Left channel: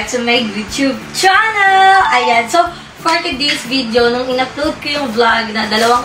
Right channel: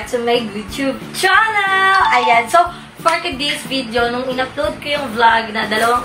back to my YouTube channel! Ayan, so, for today's video, nung in-upload ko yung vlog na dalawang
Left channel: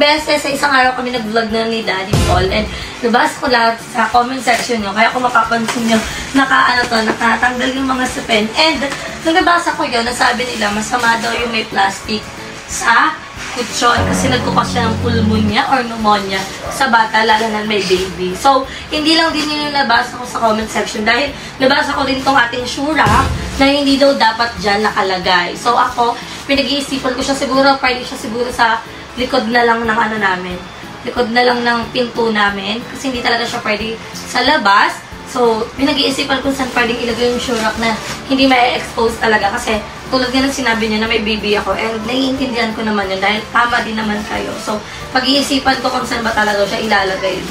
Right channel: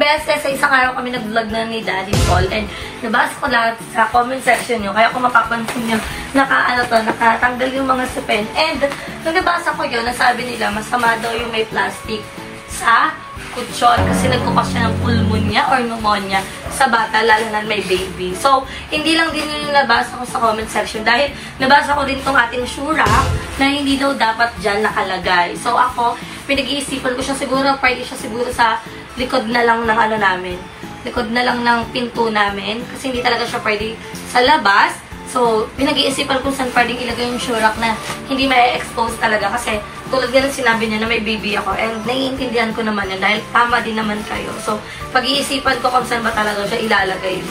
beses sa isang araw kami nag-vlog na ni Daddy Paul, and nabasa ko lahat sa comment section nyo, kaya kung mapapansin nyo, nakatanggal yung mga sapin, and nung nabasa ko yun, nasabi nila, masama daw yung may plastic sa kutsyon kasi nagkukas siya ng pulmonya or pneumonia sa bata, lalo na may baby. So, hindi lang din yun yung nabasa ko sa comment section dahil nabasa ko din tong ating shura na hindi daw dapat dyan nakalagay. So, ako, pinag-iisipan ko siya siguro, pwede siya siguro sa likod na lang ng ano namin. Likod na lang ng pinto namin kasi hindi talaga siya pwede sa labas. So, pinag-iisipan ko saan pwedeng ilagay yung shurak na hindi ma-expose talaga kasi tulad nga ng sinabi niya na may baby ako and naiintindihan ko naman yun dahil tama din naman kayo. So, pag-iisipan ko kung saan ba talaga siya ilalagay.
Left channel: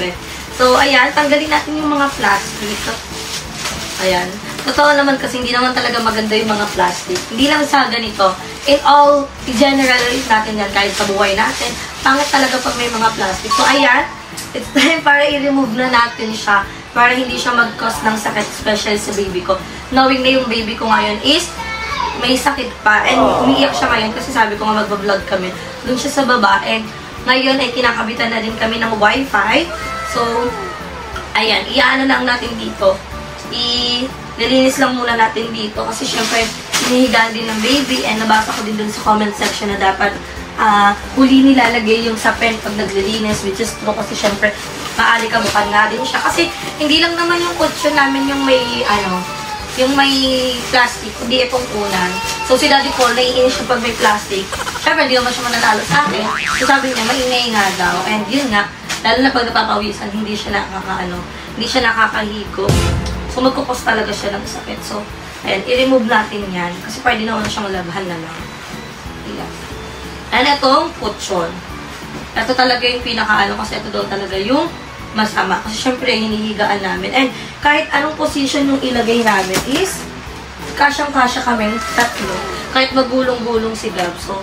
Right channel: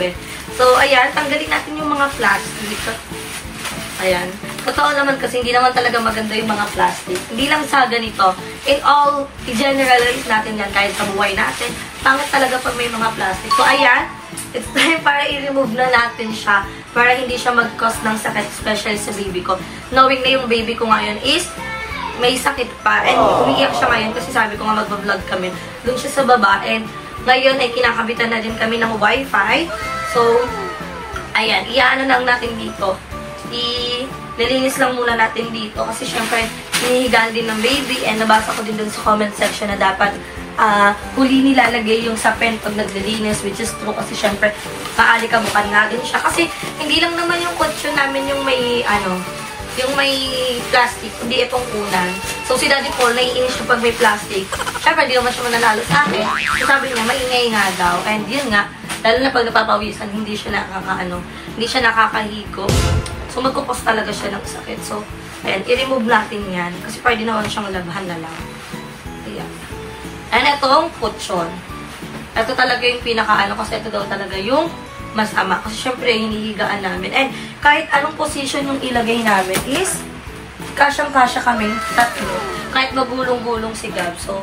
So, ayan, tanggalin natin yung mga plastic. Ayan. Totoo naman kasi hindi naman talaga maganda yung mga plastic. Hindi lang sa ganito. In all, i-generalize natin yan kahit sa buhay natin. Pangit talaga pag may mga plastic. So, ayan. It's time para i-remove na natin siya para hindi siya mag-cause ng sakit, especially sa baby ko. Knowing na yung baby ko ngayon is may sakit pa. And umiiyak siya ngayon kasi sabi ko nga magbablog kami. Doon siya sa baba. And ngayon ay kinakabitan na din kami ng wifi. So, ayan. Iaano lang natin dito. Nilinis lang muna natin dito. Kasi syempre, hinihigaan din ng baby. And nabasa ko din dun sa comment section na dapat huli nilalagay yung sapin pag naglilinis. Which is true kasi syempre, maalikabukan nga din siya. Kasi hindi lang naman yung kutsyon namin yung may yung may plastic, kundi itong unan. So, si Daddy Paul, naiinis siya pag may plastic. Siyempre, hindi naman siya mananalo sa akin. So, sabi niya, maingay nga daw. And yun nga, lalo na pag napapawisan, hindi siya hindi siya nakakahigo. So, magkukos talaga siya ng sakit. So, ayan, i-remove natin yan. Kasi pwede naman siyang labhan na lang. Ayan. And itong kutsyon. Ito talaga yung kasi ito daw talaga yung masama. Kasi syempre, hinihigaan namin. And kahit anong position yung ilagay namin is, kasyang-kasya kaming tatlo. Kahit magulong-gulong si Gab. So,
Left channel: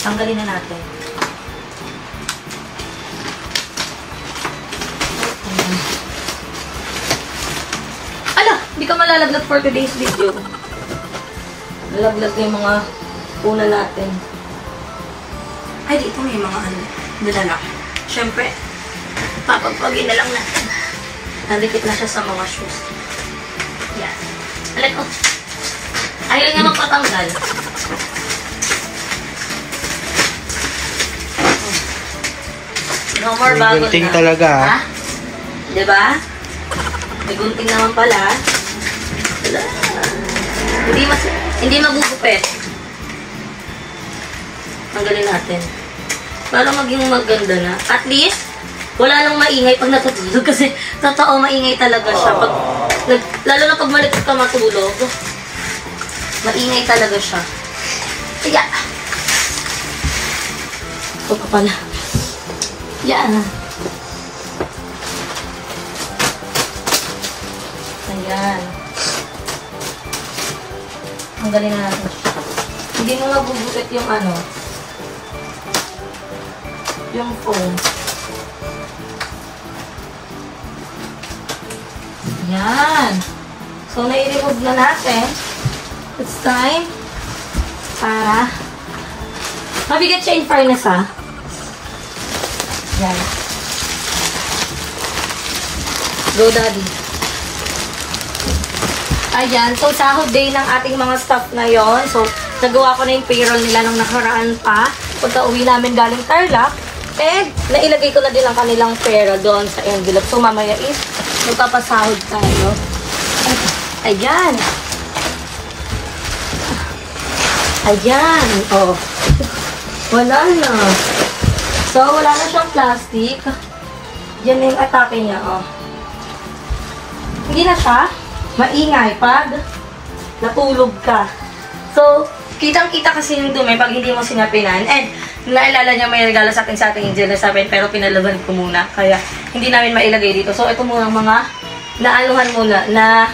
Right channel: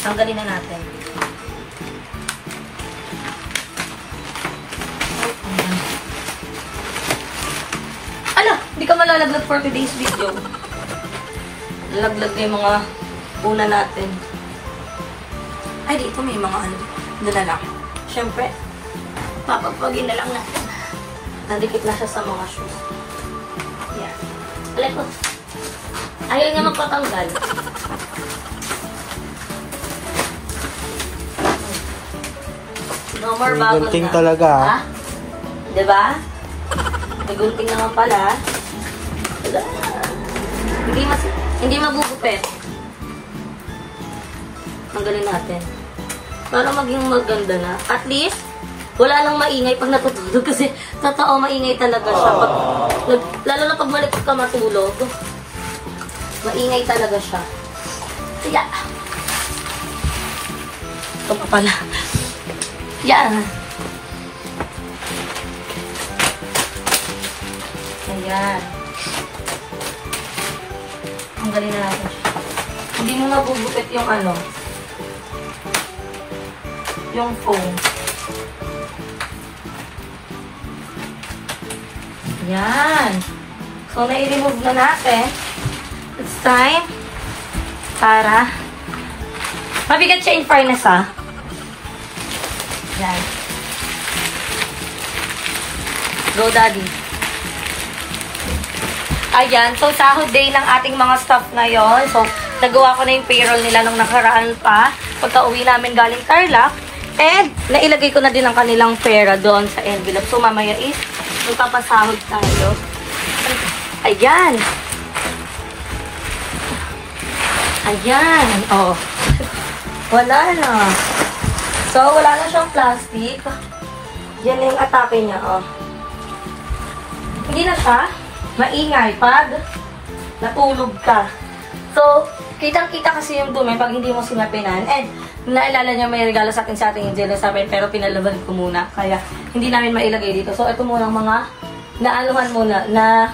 tanggalin na natin. Ala! Hindi ka malalaglag for today's video. Lalaglag na yung mga una natin. Ay, dito may mga nalalak. Syempre, papagpagin na lang natin. Nandikit na siya sa mga shoes. Yan. Alay ko. Ayaw niya magpatanggal. No more bago na. Gunting talaga. Ha? Diba? May gunting naman pala. Hindi magugupit. Tanggalin natin. Para maging maganda na. At least, wala nang maingay pag natutulog kasi totoo maingay talaga siya. Lalo na pag malikot ka matulog, maingay talaga siya. Kaya, ito pa pala. Yan. Ayan. Tanggalin na natin siya. Hindi mo nabubukit yung yung phone. Yan. So, nai-remove na natin. It's time para mabigat siya in fairness, ha? Yan. Go, Daddy. Ayan. So, sahod day ng ating mga staff ngayon. So, nagawa ko na yung payroll nila nung nakaraan pa. Pagka-uwi namin galing Tarlac. And, nailagay ko na din ang kanilang pera doon sa envelope. So, mamaya is magpapasahod tayo. Ayan. Ayan. Oh. Wala na. So, wala na siyang plastic. Yan yung atake niya. Oh. Hindi na siya maingay pag natulog ka. So, kitang-kita kasi yung dumi pag hindi mo sinapinan. And, naalala niya may regalo sa akin sa ating angel na sabi, pero pinalaban ko muna. Kaya, hindi namin mailagay dito. So, ito muna mga naanuhan muna na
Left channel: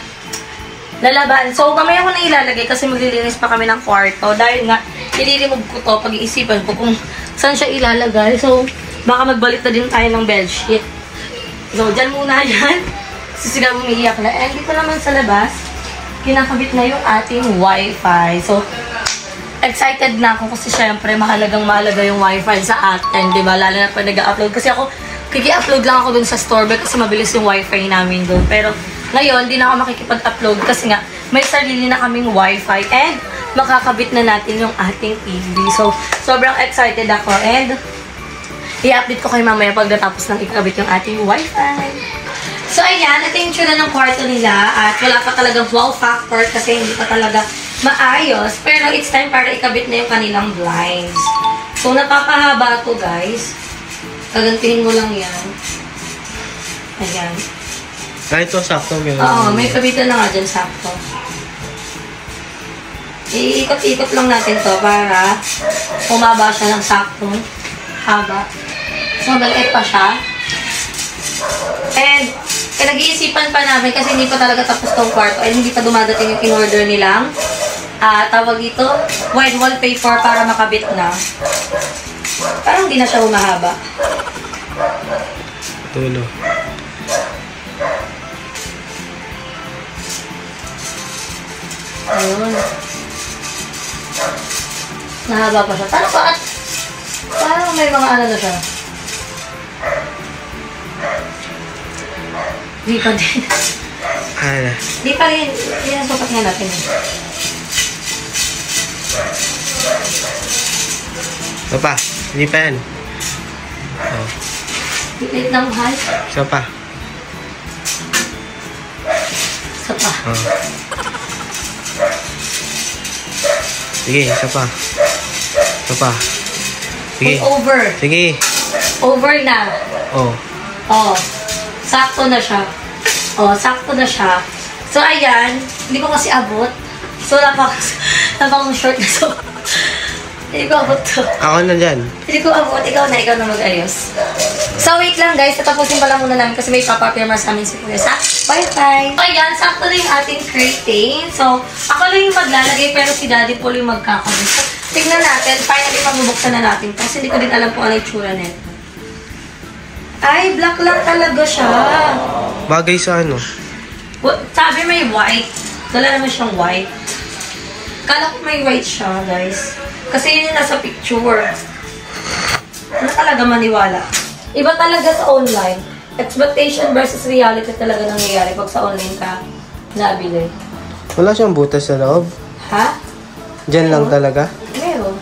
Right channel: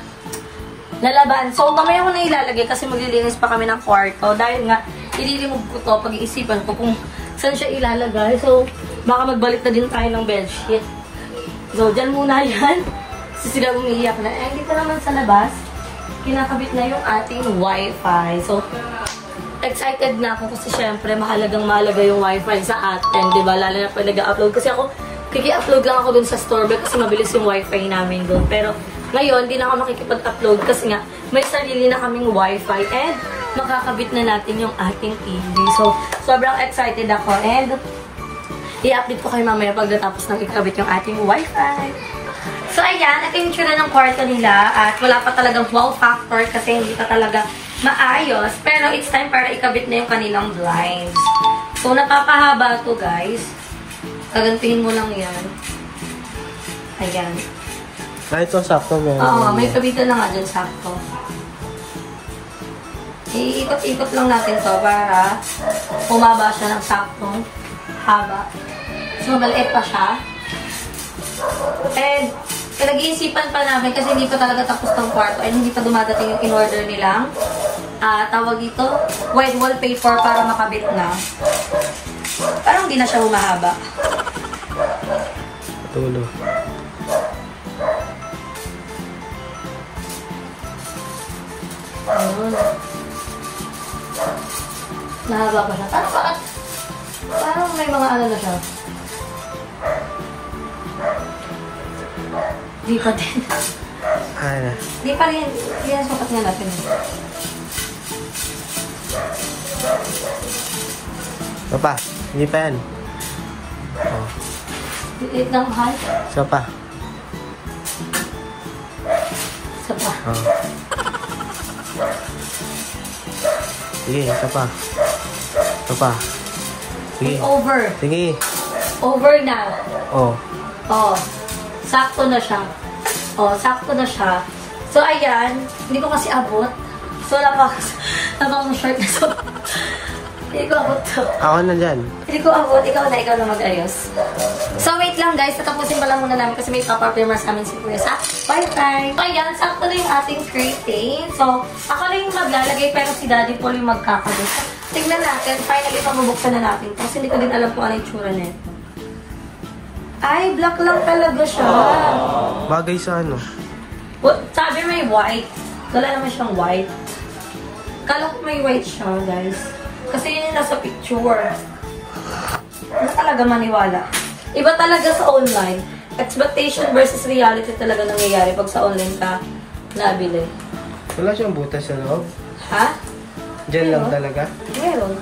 lalaban. So, mamaya ko na ilalagay kasi maglilinis pa kami ng kwarto. Dahil nga, i-remove ko to pag-iisipan ko kung saan siya ilalagay. So, baka magbalik na din tayo ng bedsheet. So, dyan muna yan. Kasi sila umiiyak na. And dito naman sa labas, kinakabit na yung ating wifi. So, excited na ako kasi syempre mahalaga yung wifi sa atin, di ba? Lalo na pag nag-upload. Kasi ako, kiki-upload lang ako dun sa store kasi mabilis yung wifi namin dun. Pero ngayon, di na ako makikipag-upload kasi nga may sarili na kaming wifi and makakabit na natin yung ating TV. So, sobrang excited ako and i-update ko kayo mamaya pag natapos ng ikabit yung ating wifi. So, ayan, ito yung tsura ng kwarto nila at wala pa talagang wow factor kasi hindi pa talaga maayos. Pero it's time para ikabit na yung kanilang blinds. So, napapahaba to guys. Kagantihin mo lang yan. Ayan. Kahit ito sakto meron. Oo, may kabitan na nga dyan sakto. Iikot-ikot lang natin to para umaba siya ng saktong haba. So, maliit pa siya. And, nag-iisipan pa namin kasi hindi pa talaga tapos tong kwarto ay hindi pa dumadating yung in-order nilang tawag dito, white wallpaper para makabit na. Parang hindi na siya humahaba. Tulo. Ayun. Nahaba pa siya. Parang may mga ano na siya. Di pa din. Ano? Di pa rin. Yan ang sukat nga natin. Ito pa. Hindi pa yan. Oh. Liit na mahal. Isa pa. Isa pa. Oh. Sige, isa pa. Isa pa. Sige. Over. Sige. Over na. Oh. Oh. Sakto na siya. Oh, sakto na siya. So, ayan. Hindi ko kasi abot. So, napakang short na so. Hindi ko abot to. Ako na dyan. Hindi ko abot. Ikaw na mag-ayos. So, wait lang guys. Tatapusin pala muna namin kasi may papapirma sa amin si Kuya sa Wi-Fi. So, ayan. Sakto na yung ating curtain. So, ako lang yung maglalagay pero si Daddy Paul yung magkakabit. So, tignan natin. Finally, mabubuksan na natin. Kasi hindi ko din alam kung ano yung tsura nito. Ay, black lang talaga siya. Bagay sa ano? Sabi may white. Wala naman siyang white. Kala ko may white siya, guys. Kasi yun yung nasa picture. Ano talaga maniwala? Iba talaga sa online. Expectation versus reality talaga nangyayari pag sa online ka nabili. Wala siyang butas sa loob? Ha? Diyan lang talaga? Meron.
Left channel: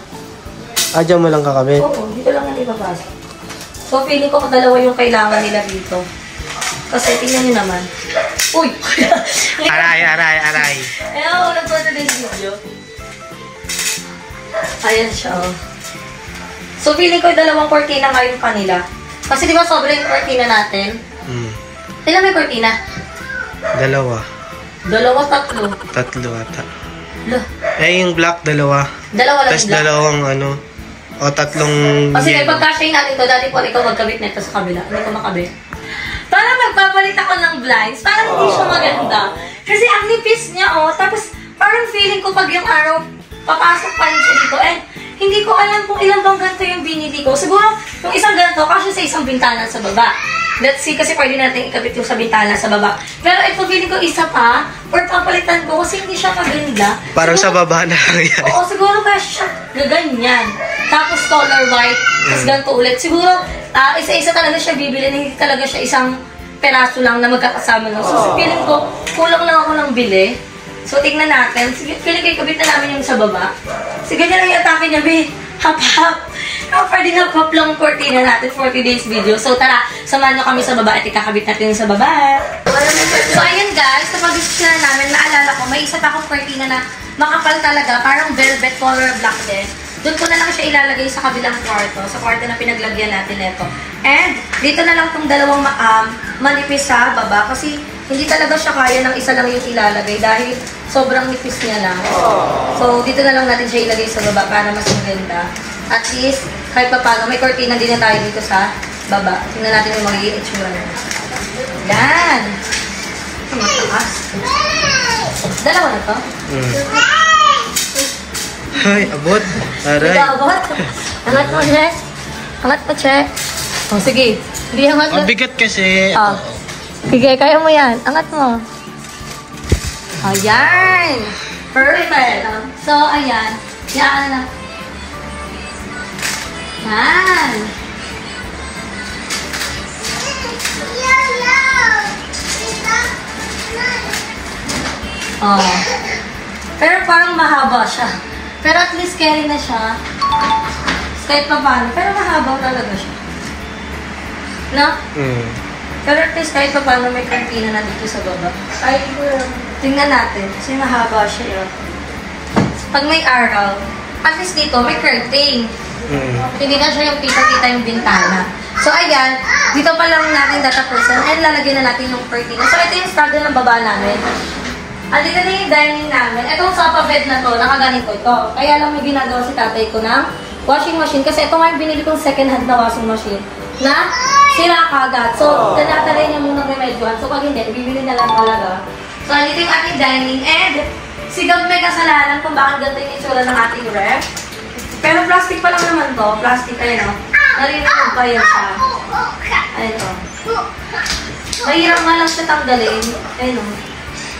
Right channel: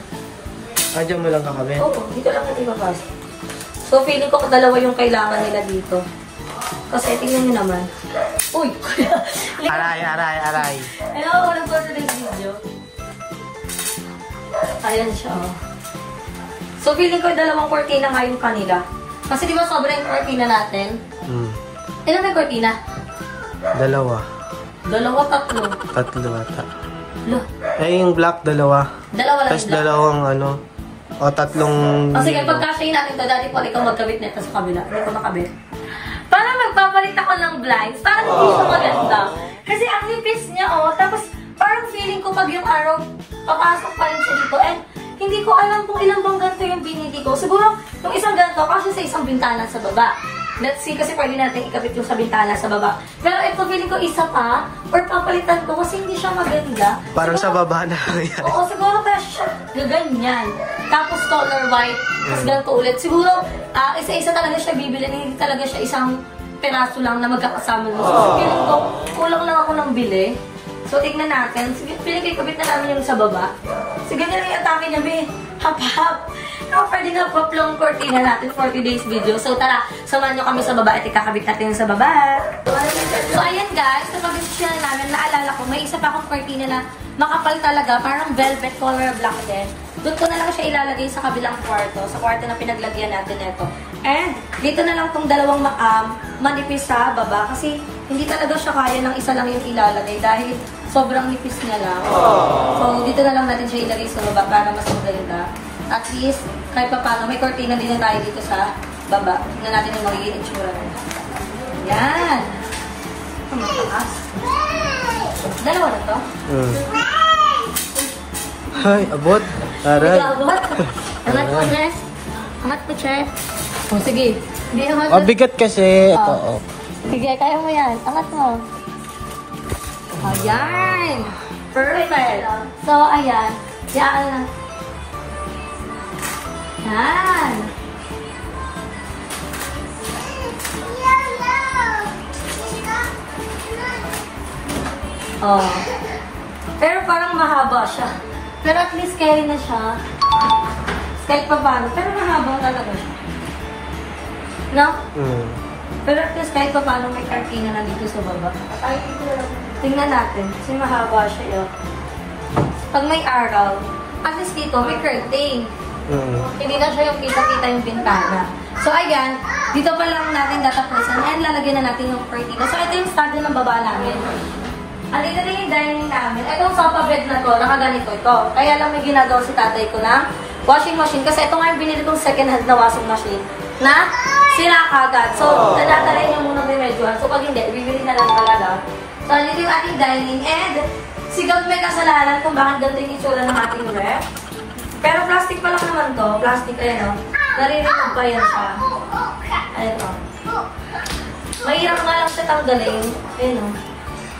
Ah, diyan mo lang kakabit? Oo, dito lang natin ipapasok. So, feeling ko dalawa yung kailangan nila dito. Kasi, tingnan nyo naman. Uy! Aray. Ayun, ulang ko na din video. Ayan siya. So, feeling ko dalawang kortina nga yung kanila. Kasi di ba sobrang yung kortina natin? Ilan may kortina? Dalawa. Dalawa, tatlo. Tatlo ata. Lah. Eh, yung black, dalawa. Dalawa lang. Tapos dalawang ano, o tatlong kasi yellow. pagkasyahin natin to, Daddy Paul, ikaw magkabit nito sa kabila. Hindi ko makabit. Parang magpapalit ako ng blinds. Parang hindi siya maganda. Kasi ang nipis niya, oh. Tapos, parang feeling ko pag yung araw, papasok pa rin siya dito. And, hindi ko alam kung ilan bang ganito yung binili ko. Siguro, yung isang ganito, kasi sa isang bintana sa baba. Let's see, kasi pwede natin ikabit yung sa bintana sa baba. Pero ito, feeling ko isa pa, or papalitan ko kasi hindi siya maganda. Parang siguro, sa baba na lang yan. Oo, siguro kaya siya gaganyan. Tapos color white, tapos ganito ulit. Siguro, isa-isa talaga siya bibili, hindi talaga siya isang peraso lang na magkakasama lang. So, feeling ko, kulang lang ako ng bili. So, tignan natin. Feeling ko ikabit na namin yung sa baba. Sige, ganyan lang yung atake niya, be. Hap-hap. Pwede na pop lang kortina natin for today's video. So, tara, samahan nyo kami sa baba at ikakabit natin sa baba. So, ayan guys, kapag gusto na namin, naalala ko, may isa pa akong kortina na makapal talaga, parang velvet color na black din. Doon ko na lang siya ilalagay sa kabilang kwarto, sa kwarto na pinaglagyan natin ito. And, dito na lang itong dalawang manipis sa baba kasi hindi talaga siya kaya ng isa lang yung ilalagay dahil sobrang nipis niya lang. So, dito na lang natin siya ilagay sa baba para mas maganda. At least, kahit pa paano, may kortina din na tayo dito sa baba. Tingnan natin yung magiging itsura niya. Yan! Mataas. Dalawa na to? Ay, abot. Aray. Abot. Angat mo, Che. Angat mo, Che. Sige. Hindi angat. Mabigat kasi. Ito. Sige, kaya mo yan. Angat mo. Ayan! Perfect! So, ayan. Yan na. Yan! Oh. Pero parang mahaba siya. Pero at least carry na siya. Kahit pa paano. Pero mahaba talaga siya. No? Pero at least kahit pa paano may kantina na dito sa baba. Ay, tingnan natin. Kasi mahaba siya yun. Pag may araw, at least dito may curtain. Hindi na siya yung kita-kita yung bintana. So, ayan. Dito pa lang natin tatapusin. And lalagyan na natin yung curtain. So, ito yung start ng baba namin. Andito na yung dining namin. Itong sofa bed na to, nakaganito to. Kaya lang may ginagawa si tatay ko ng washing machine. Kasi ito nga yung binili kong second hand na washing machine na sira kagad. So, dadalhin niya munang remedyohan. So, pag hindi, bibili na lang talaga. So, andito yung ating dining. And, si Gab may kasalanan kung bakit ganito yung itsura ng ating ref. Pero plastic pa lang naman to. Plastic, ayun o. Narinig pa yan siya. Ayun o. Mahirap nga lang siya tanggalin. Ayun o.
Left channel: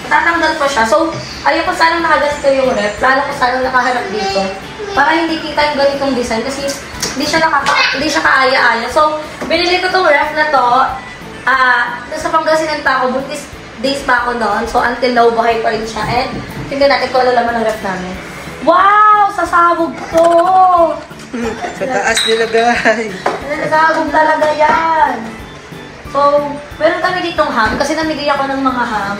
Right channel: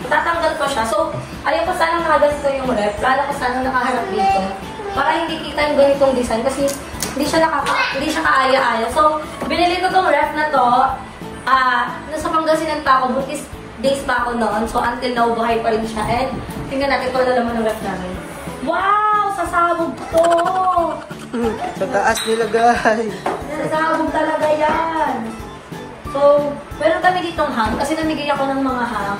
Tatanggal pa siya. So, ayaw ko sana nakaganito yung ref. Lalo ko sana nakaharap dito. Para hindi kita yung ganitong design. Kasi hindi siya kaaya-aya. So, binili ko tong ref na to. Nasa Pangasinan pa ako. Buntis days pa ako noon. So, until now, buhay pa rin siya. And, tingnan natin kung ano laman ng ref namin. Wow! Sasabog to! Sa taas nilagay. Sasabog talaga yan. So, meron kami ditong ham. Kasi namigay ako ng mga ham.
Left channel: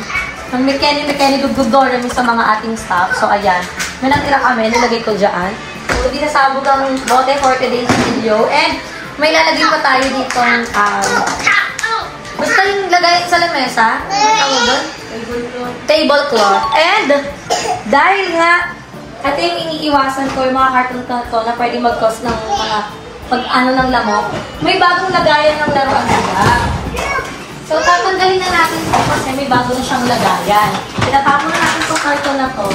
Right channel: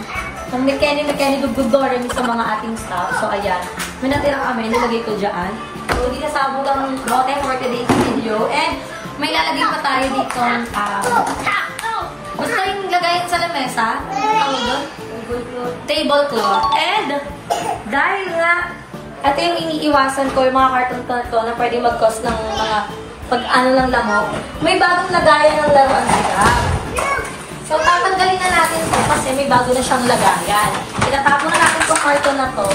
Ng mechanic gugudorem sa mga ating staff. So, ayan. May natira kami, nilagay ko dyan. So, hindi nasabog ang bote for today's video. And, may lalagay pa tayo dito basta yung lagay sa lamesa. Ano tawag doon? Tablecloth. And, dahil nga, ito yung iniiwasan ko, yung mga carton to na pwede mag-cause ng mga pag-ano ng lamok. May bagong lagayan ng laruan sila. So, tatanggalin na natin ito kasi may bago na siyang lagayan. Tinatapon na natin itong carton na to.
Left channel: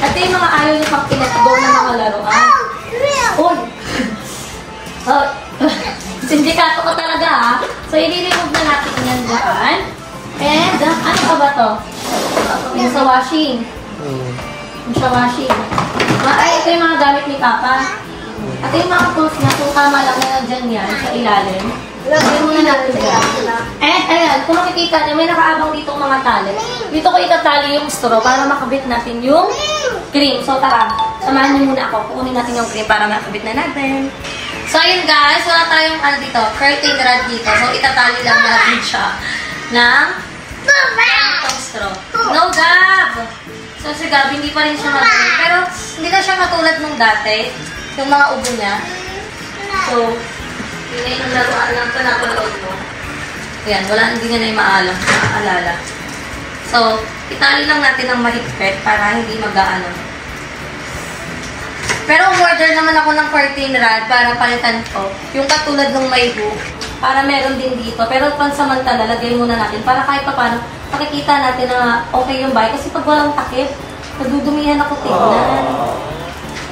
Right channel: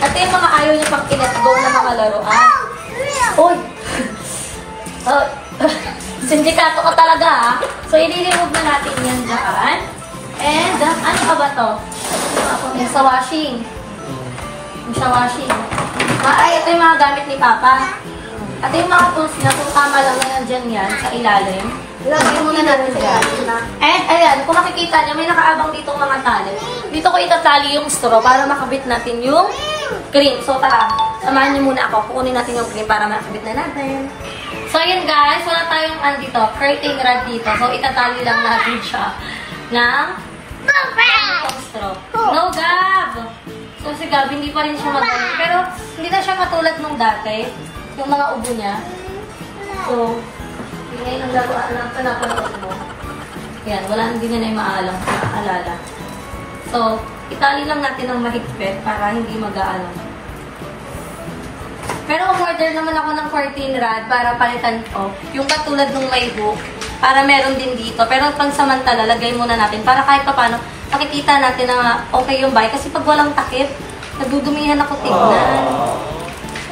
At yung mga ayaw niyo pang pinat-go na mga laruan. Oh! Oh! Sindikato ko talaga ha. So, i-remove na natin yan dyan. And, ano pa ba to? Yung sa washing. Yung sa washing. Ay, ito yung mga gamit ni Papa. At yung mga tools niya, kung tama lang na nandiyan yan sa ilalim. Ilagay muna natin dyan. And, ayan, kung makikita niyo, may nakaabang dito mga tali. Dito ko itatali yung straw para makabit natin yung cream. So, tara, samahan niyo muna ako. Kukunin natin yung cream para makabit na natin. So, ayun guys, wala tayong dito, curtain rod dito. So, itatali lang natin siya ng itong straw. No, Gab! So, si Gab, hindi pa rin siya magaling. Pero, hindi na siya katulad nung dati. Yung mga ubo niya. So, yun yung laruan lang ito na panood ko. Ayan, wala, hindi nga na yung maaalala. So, itali lang natin ng mahigpit para hindi mag-aano. Pero umorder naman ako ng curtain rod para palitan ko. Yung katulad ng may hook. Para meron din dito. Pero pansamantala, lagay muna natin. Para kahit pa paano, makikita natin na okay yung bahay. Kasi pag walang takip, nadudumihan ako tingnan.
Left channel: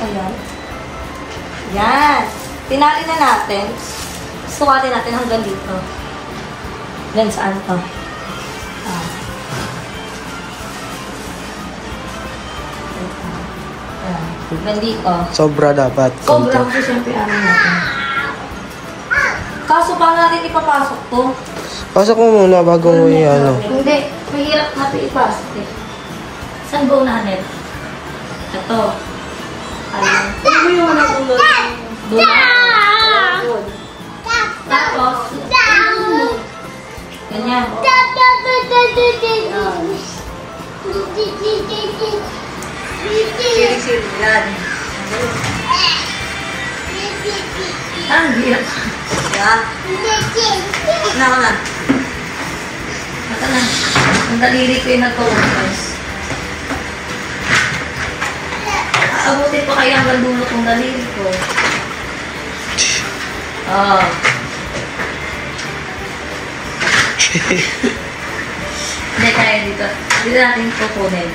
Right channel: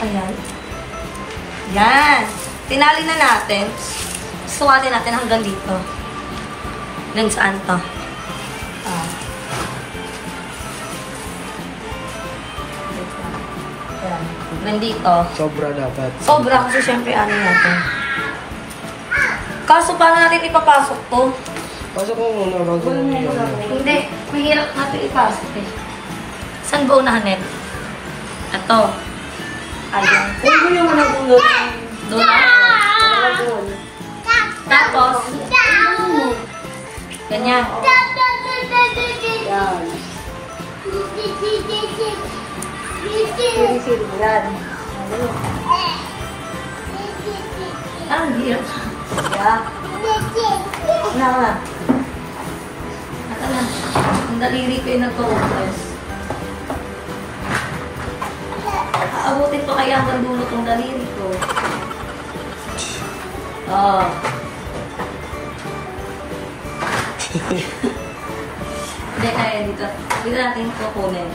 Ayan. Yan. Tinali na natin. Sukatin natin hanggang dito. Hanggang saan to? Hanggang dito. Sobra dapat. Sobra kasi siyempre ano natin. Kaso paano natin ipapasok to? Pasok mo muna bago mo ano. Hindi. Mahirap natin ipasok eh. Saan ba unahanin? Ito. Ayun. Ano ba yung walang ulot? Doon na? Tapos, ganyan. Siri-siri. Yan. Ang hirap. Yan. Ano na? Mata na. Ang daliri ko yung nagpo-guys. Aabutin ko kaya ang dulo kong daliri ko. Oh. Hindi kaya dito. Dito natin kukunin.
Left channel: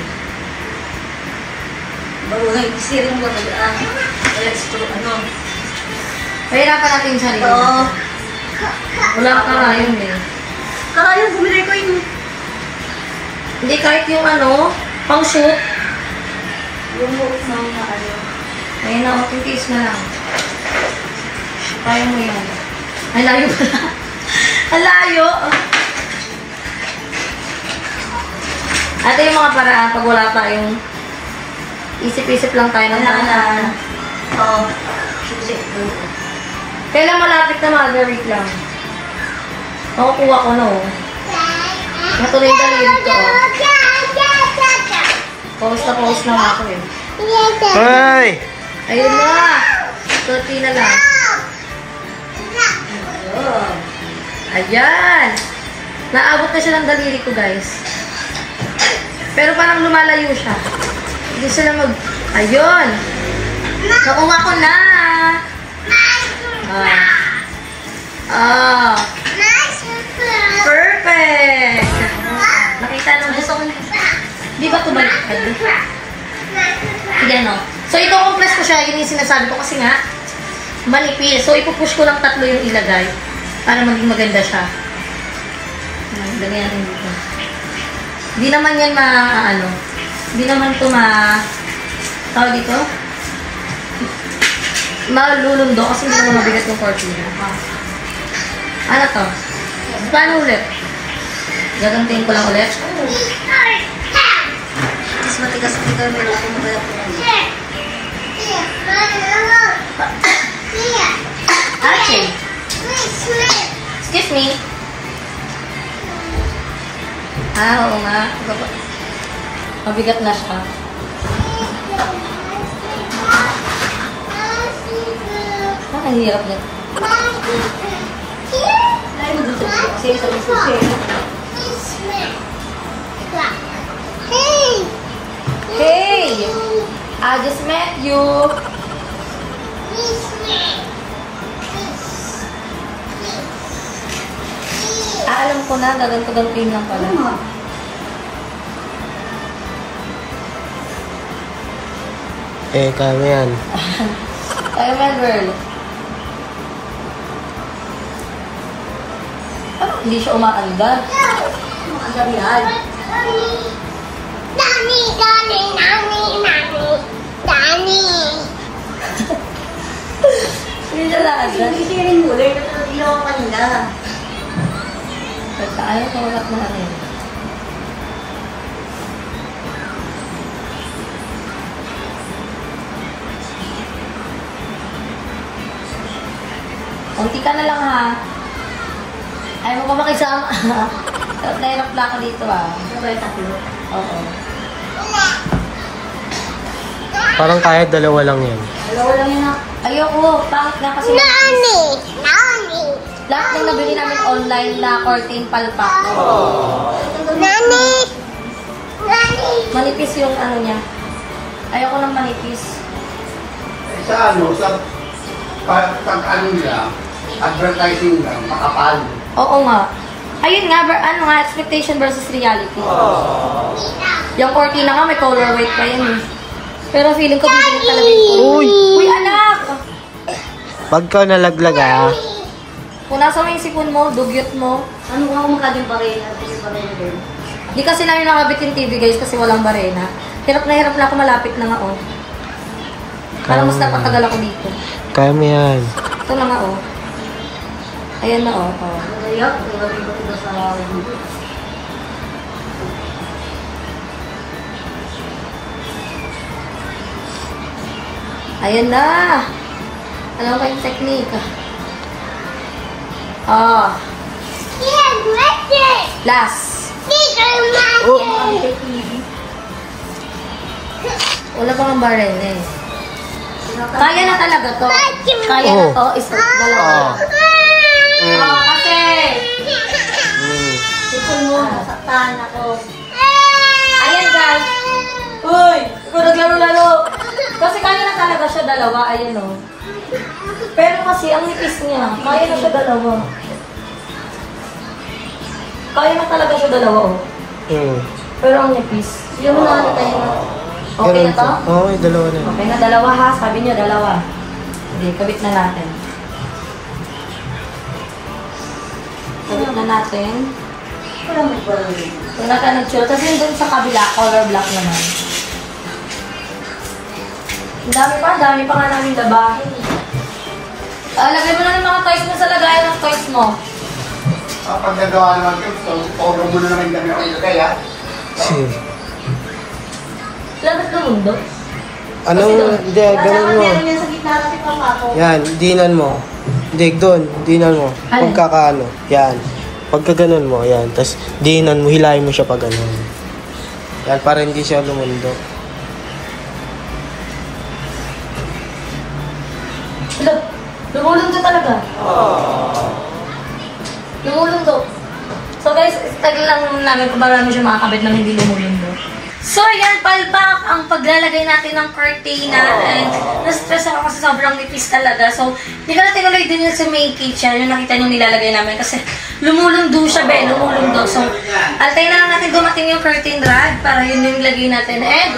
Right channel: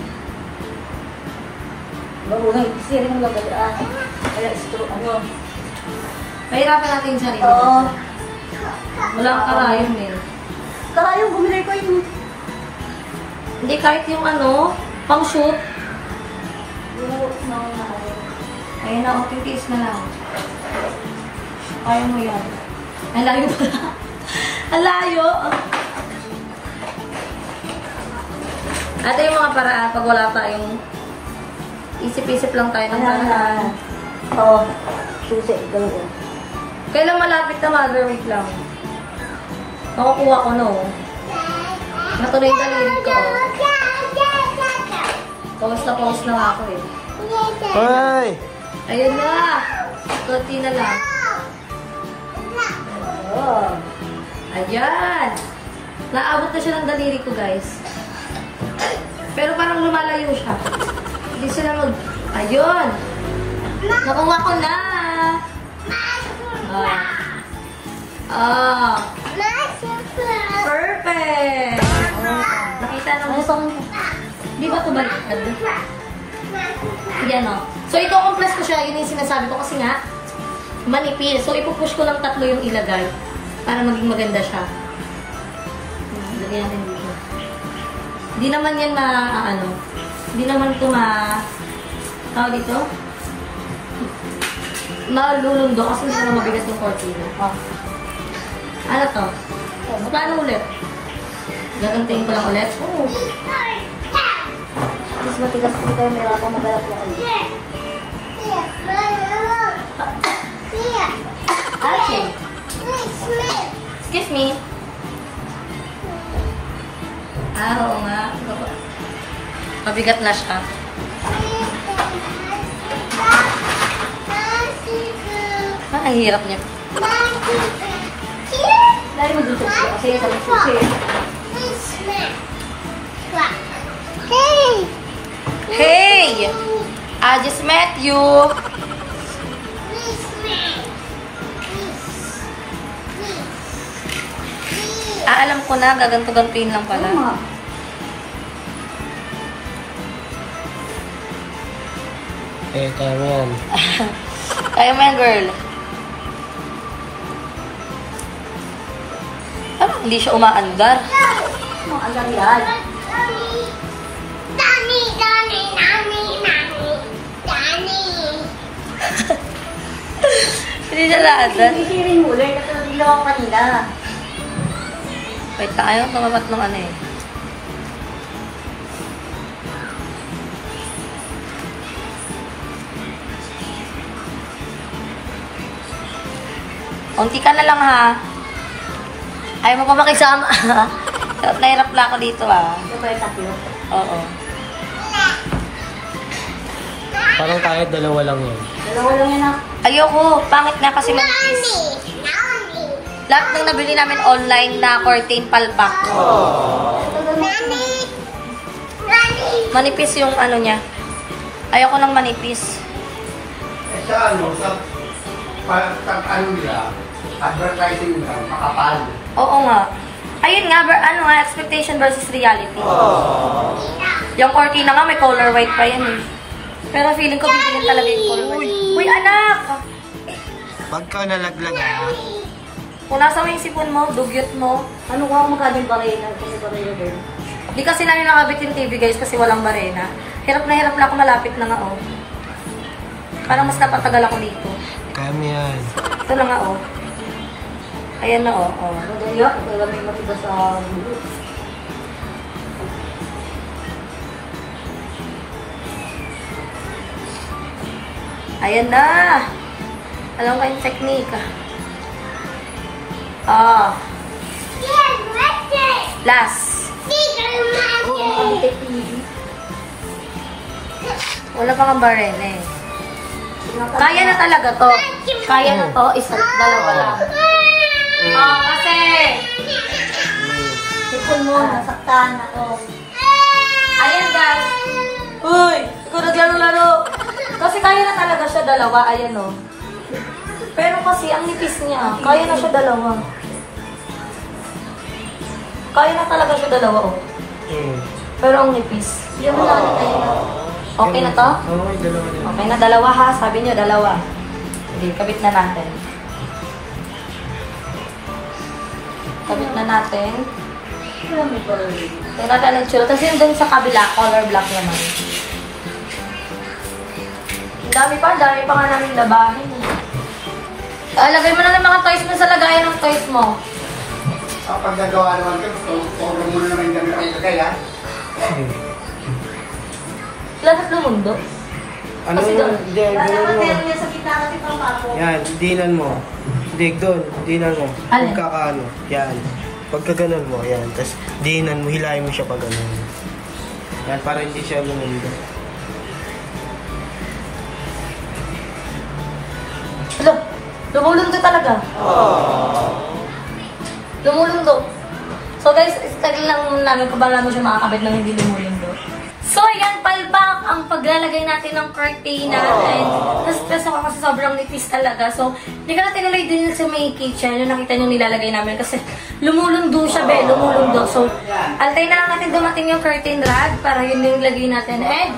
Baruhay, isirin mo tagaan. Ano? Pahirapan natin sa rin. Oo. Wala ka karayon eh. Karayon, bumili ko yung... Hindi kahit yung ano, Pang shoot. Ayun na, okay, tiis na lang. Kaya mo yan. Ang layo pala. Ang layo. Ito yung mga paraan pag wala tayong isip-isip lang tayo ng paraan. Oo. Susi. Kailan malapit na mag-wait lang? Nakukuha ko na oh. Natuloy yung daliri ko oh. Pause na ako eh. Hoy! Ayun na! Kunti na lang. Oh. Ayan! Naabot na siya ng daliri ko guys. Pero parang lumalayo siya. Hindi sila mag... Ayun! Nakuha ko na! Perfect! Nakita nung gusto ko. Di ba tumaliktad? Sige ano. So ito compress ko siya. Yun yung sinasabi ko kasi nga manipis. So ipupush ko lang 3 yung ilagay para maging maganda siya. Lagay natin dito. Hindi naman yan ano. Hindi naman ito tawag dito? Malulundo kasi hindi naman mabigat yung cortina. Ano to? Paano ulit? Gagantiin ko lang ulit. Mas matigas dito yung meron akong magalat ko. Okay. Excuse me. Oo nga. Mabigat na siya. Ang hirap niya. Dahil mo dito kasi sa susi. Hey! I just met you. Alam ko na, gaganto-gantuin lang pala. Kaya mo yan. Kaya mo yan, girl. Ano? Hindi siya umaandar. Ang dami yan. Hindi siya laandar. Hindi siya rin muli. Nagkakagilaw ako kanina. Wait, ayaw tumamat ng ano eh. Unti ka na lang ha. Ayaw mo pa makisama. Nahirap lang ako dito ah. Ito ba yung tatlo? Oo. Parang kaya 2 lang yan. Dalawa lang yun na. Ayoko. Pangit nga kasi manipis. Lahat ng nabili namin online na curtain palpak. Manipis yung ano niya. Ayoko ng manipis. Sa ano, sa ano nila, advertising lang, makapal. Oo nga. Ayun nga, ano nga, expectation versus reality. Yung cortina nga, may color white pa yan eh. Pero feeling ko bibilin talaga yung color. Uy, anak! Pagka nalaglag Kung nasa mo yung sipon mo, dugyot mo. Ano ko ako magkading barena? Kasi barena din. Di kasi namin nakabit yung TV guys kasi walang barena. Hirap na ako, malapit na nga oh. Parang mas napatagal ako dito. Kaya mo yan. Ito na nga oh. Ayan na oh. Nagayak, nagagawin ko ito sa video. Ayan na. Alam ko yung technique. Oh. Last. Wala pa nga barena eh. Kaya na talaga to. Kaya na to. Isa, dalawa lang. Kasi. Ito mo, nasaktahan ako. Ayan guys. Uy, ikaw naglaro-laro. Kasi kaya na talaga siya dalawa. Ayan o. Pero kasi ang nipis niya. Kaya na siya dalawa. Kaya na talaga siya dalawa o. Pero ang nipis. Yung mga tayo. Okay na to? Oo, 2 na. Okay na, dalawa ha. Sabi niyo, dalawa. Sige, kabit na natin. Kabit na natin. Wala mo barangay. Kung nagtsura. Kasi dun sa kabila, color black naman. Ang dami pa nga namin labahin. Lagay mo na ng mga toys mo sa lagayan ng toys mo. Pag nagawa naman ito, sobrang gulo na rin kami ilagay, ha? Lahat ng mundo. Ano? Hindi, ganun mo. Meron yan sa gitna kasi pamako. Yan, dinan mo. Hindi, doon. Dinan mo. Alin? Pagkakaano. Yan. Pagka ganun mo, yan. Tapos, dinan mo, hilahin mo siya pag ganun. Yan, para hindi siya lumundo. Hello, lumulundo talaga. Lumulundo. So guys, tagal lang namin kung paano mo siya makakabit nang hindi lumulundo. So ayan, palpak ang paglalagay natin ng cortina. And na-stress ako kasi sobrang nipis talaga. So, hindi ka na tinuloy din yung sa main kitchen. Yung nakita nyo nilalagay namin kasi lumulundo siya, lumulundo. So, altay na lang natin dumating yung curtain rod para yun yung lagay natin. And,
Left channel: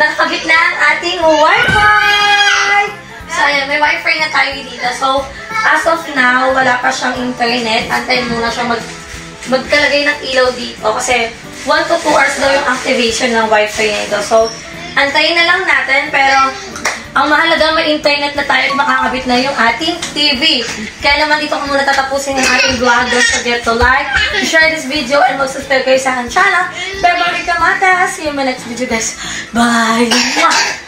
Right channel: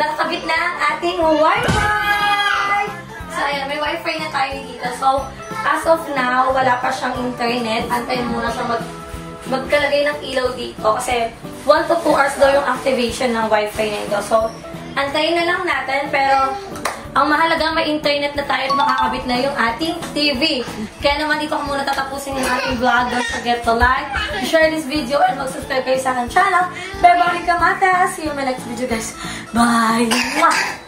nakakabit na ang ating Wi-Fi! So, ayan, may Wi-Fi na tayo dito. So, as of now, wala pa siyang internet. Antayin muna siya magkalagay ng ilaw dito kasi 1 to 2 hours daw yung activation ng Wi-Fi nito. So, antayin na lang natin. Pero, ang mahalaga may internet na tayo at makakabit na yung ating TV. Kaya naman dito ko muna tatapusin yung ating vlog. Don't forget to like, to share this video, and mag-subscribe kayo sa aking channel. Bye-bye, Kamata! See you in my next video, guys. Bye! Mwah!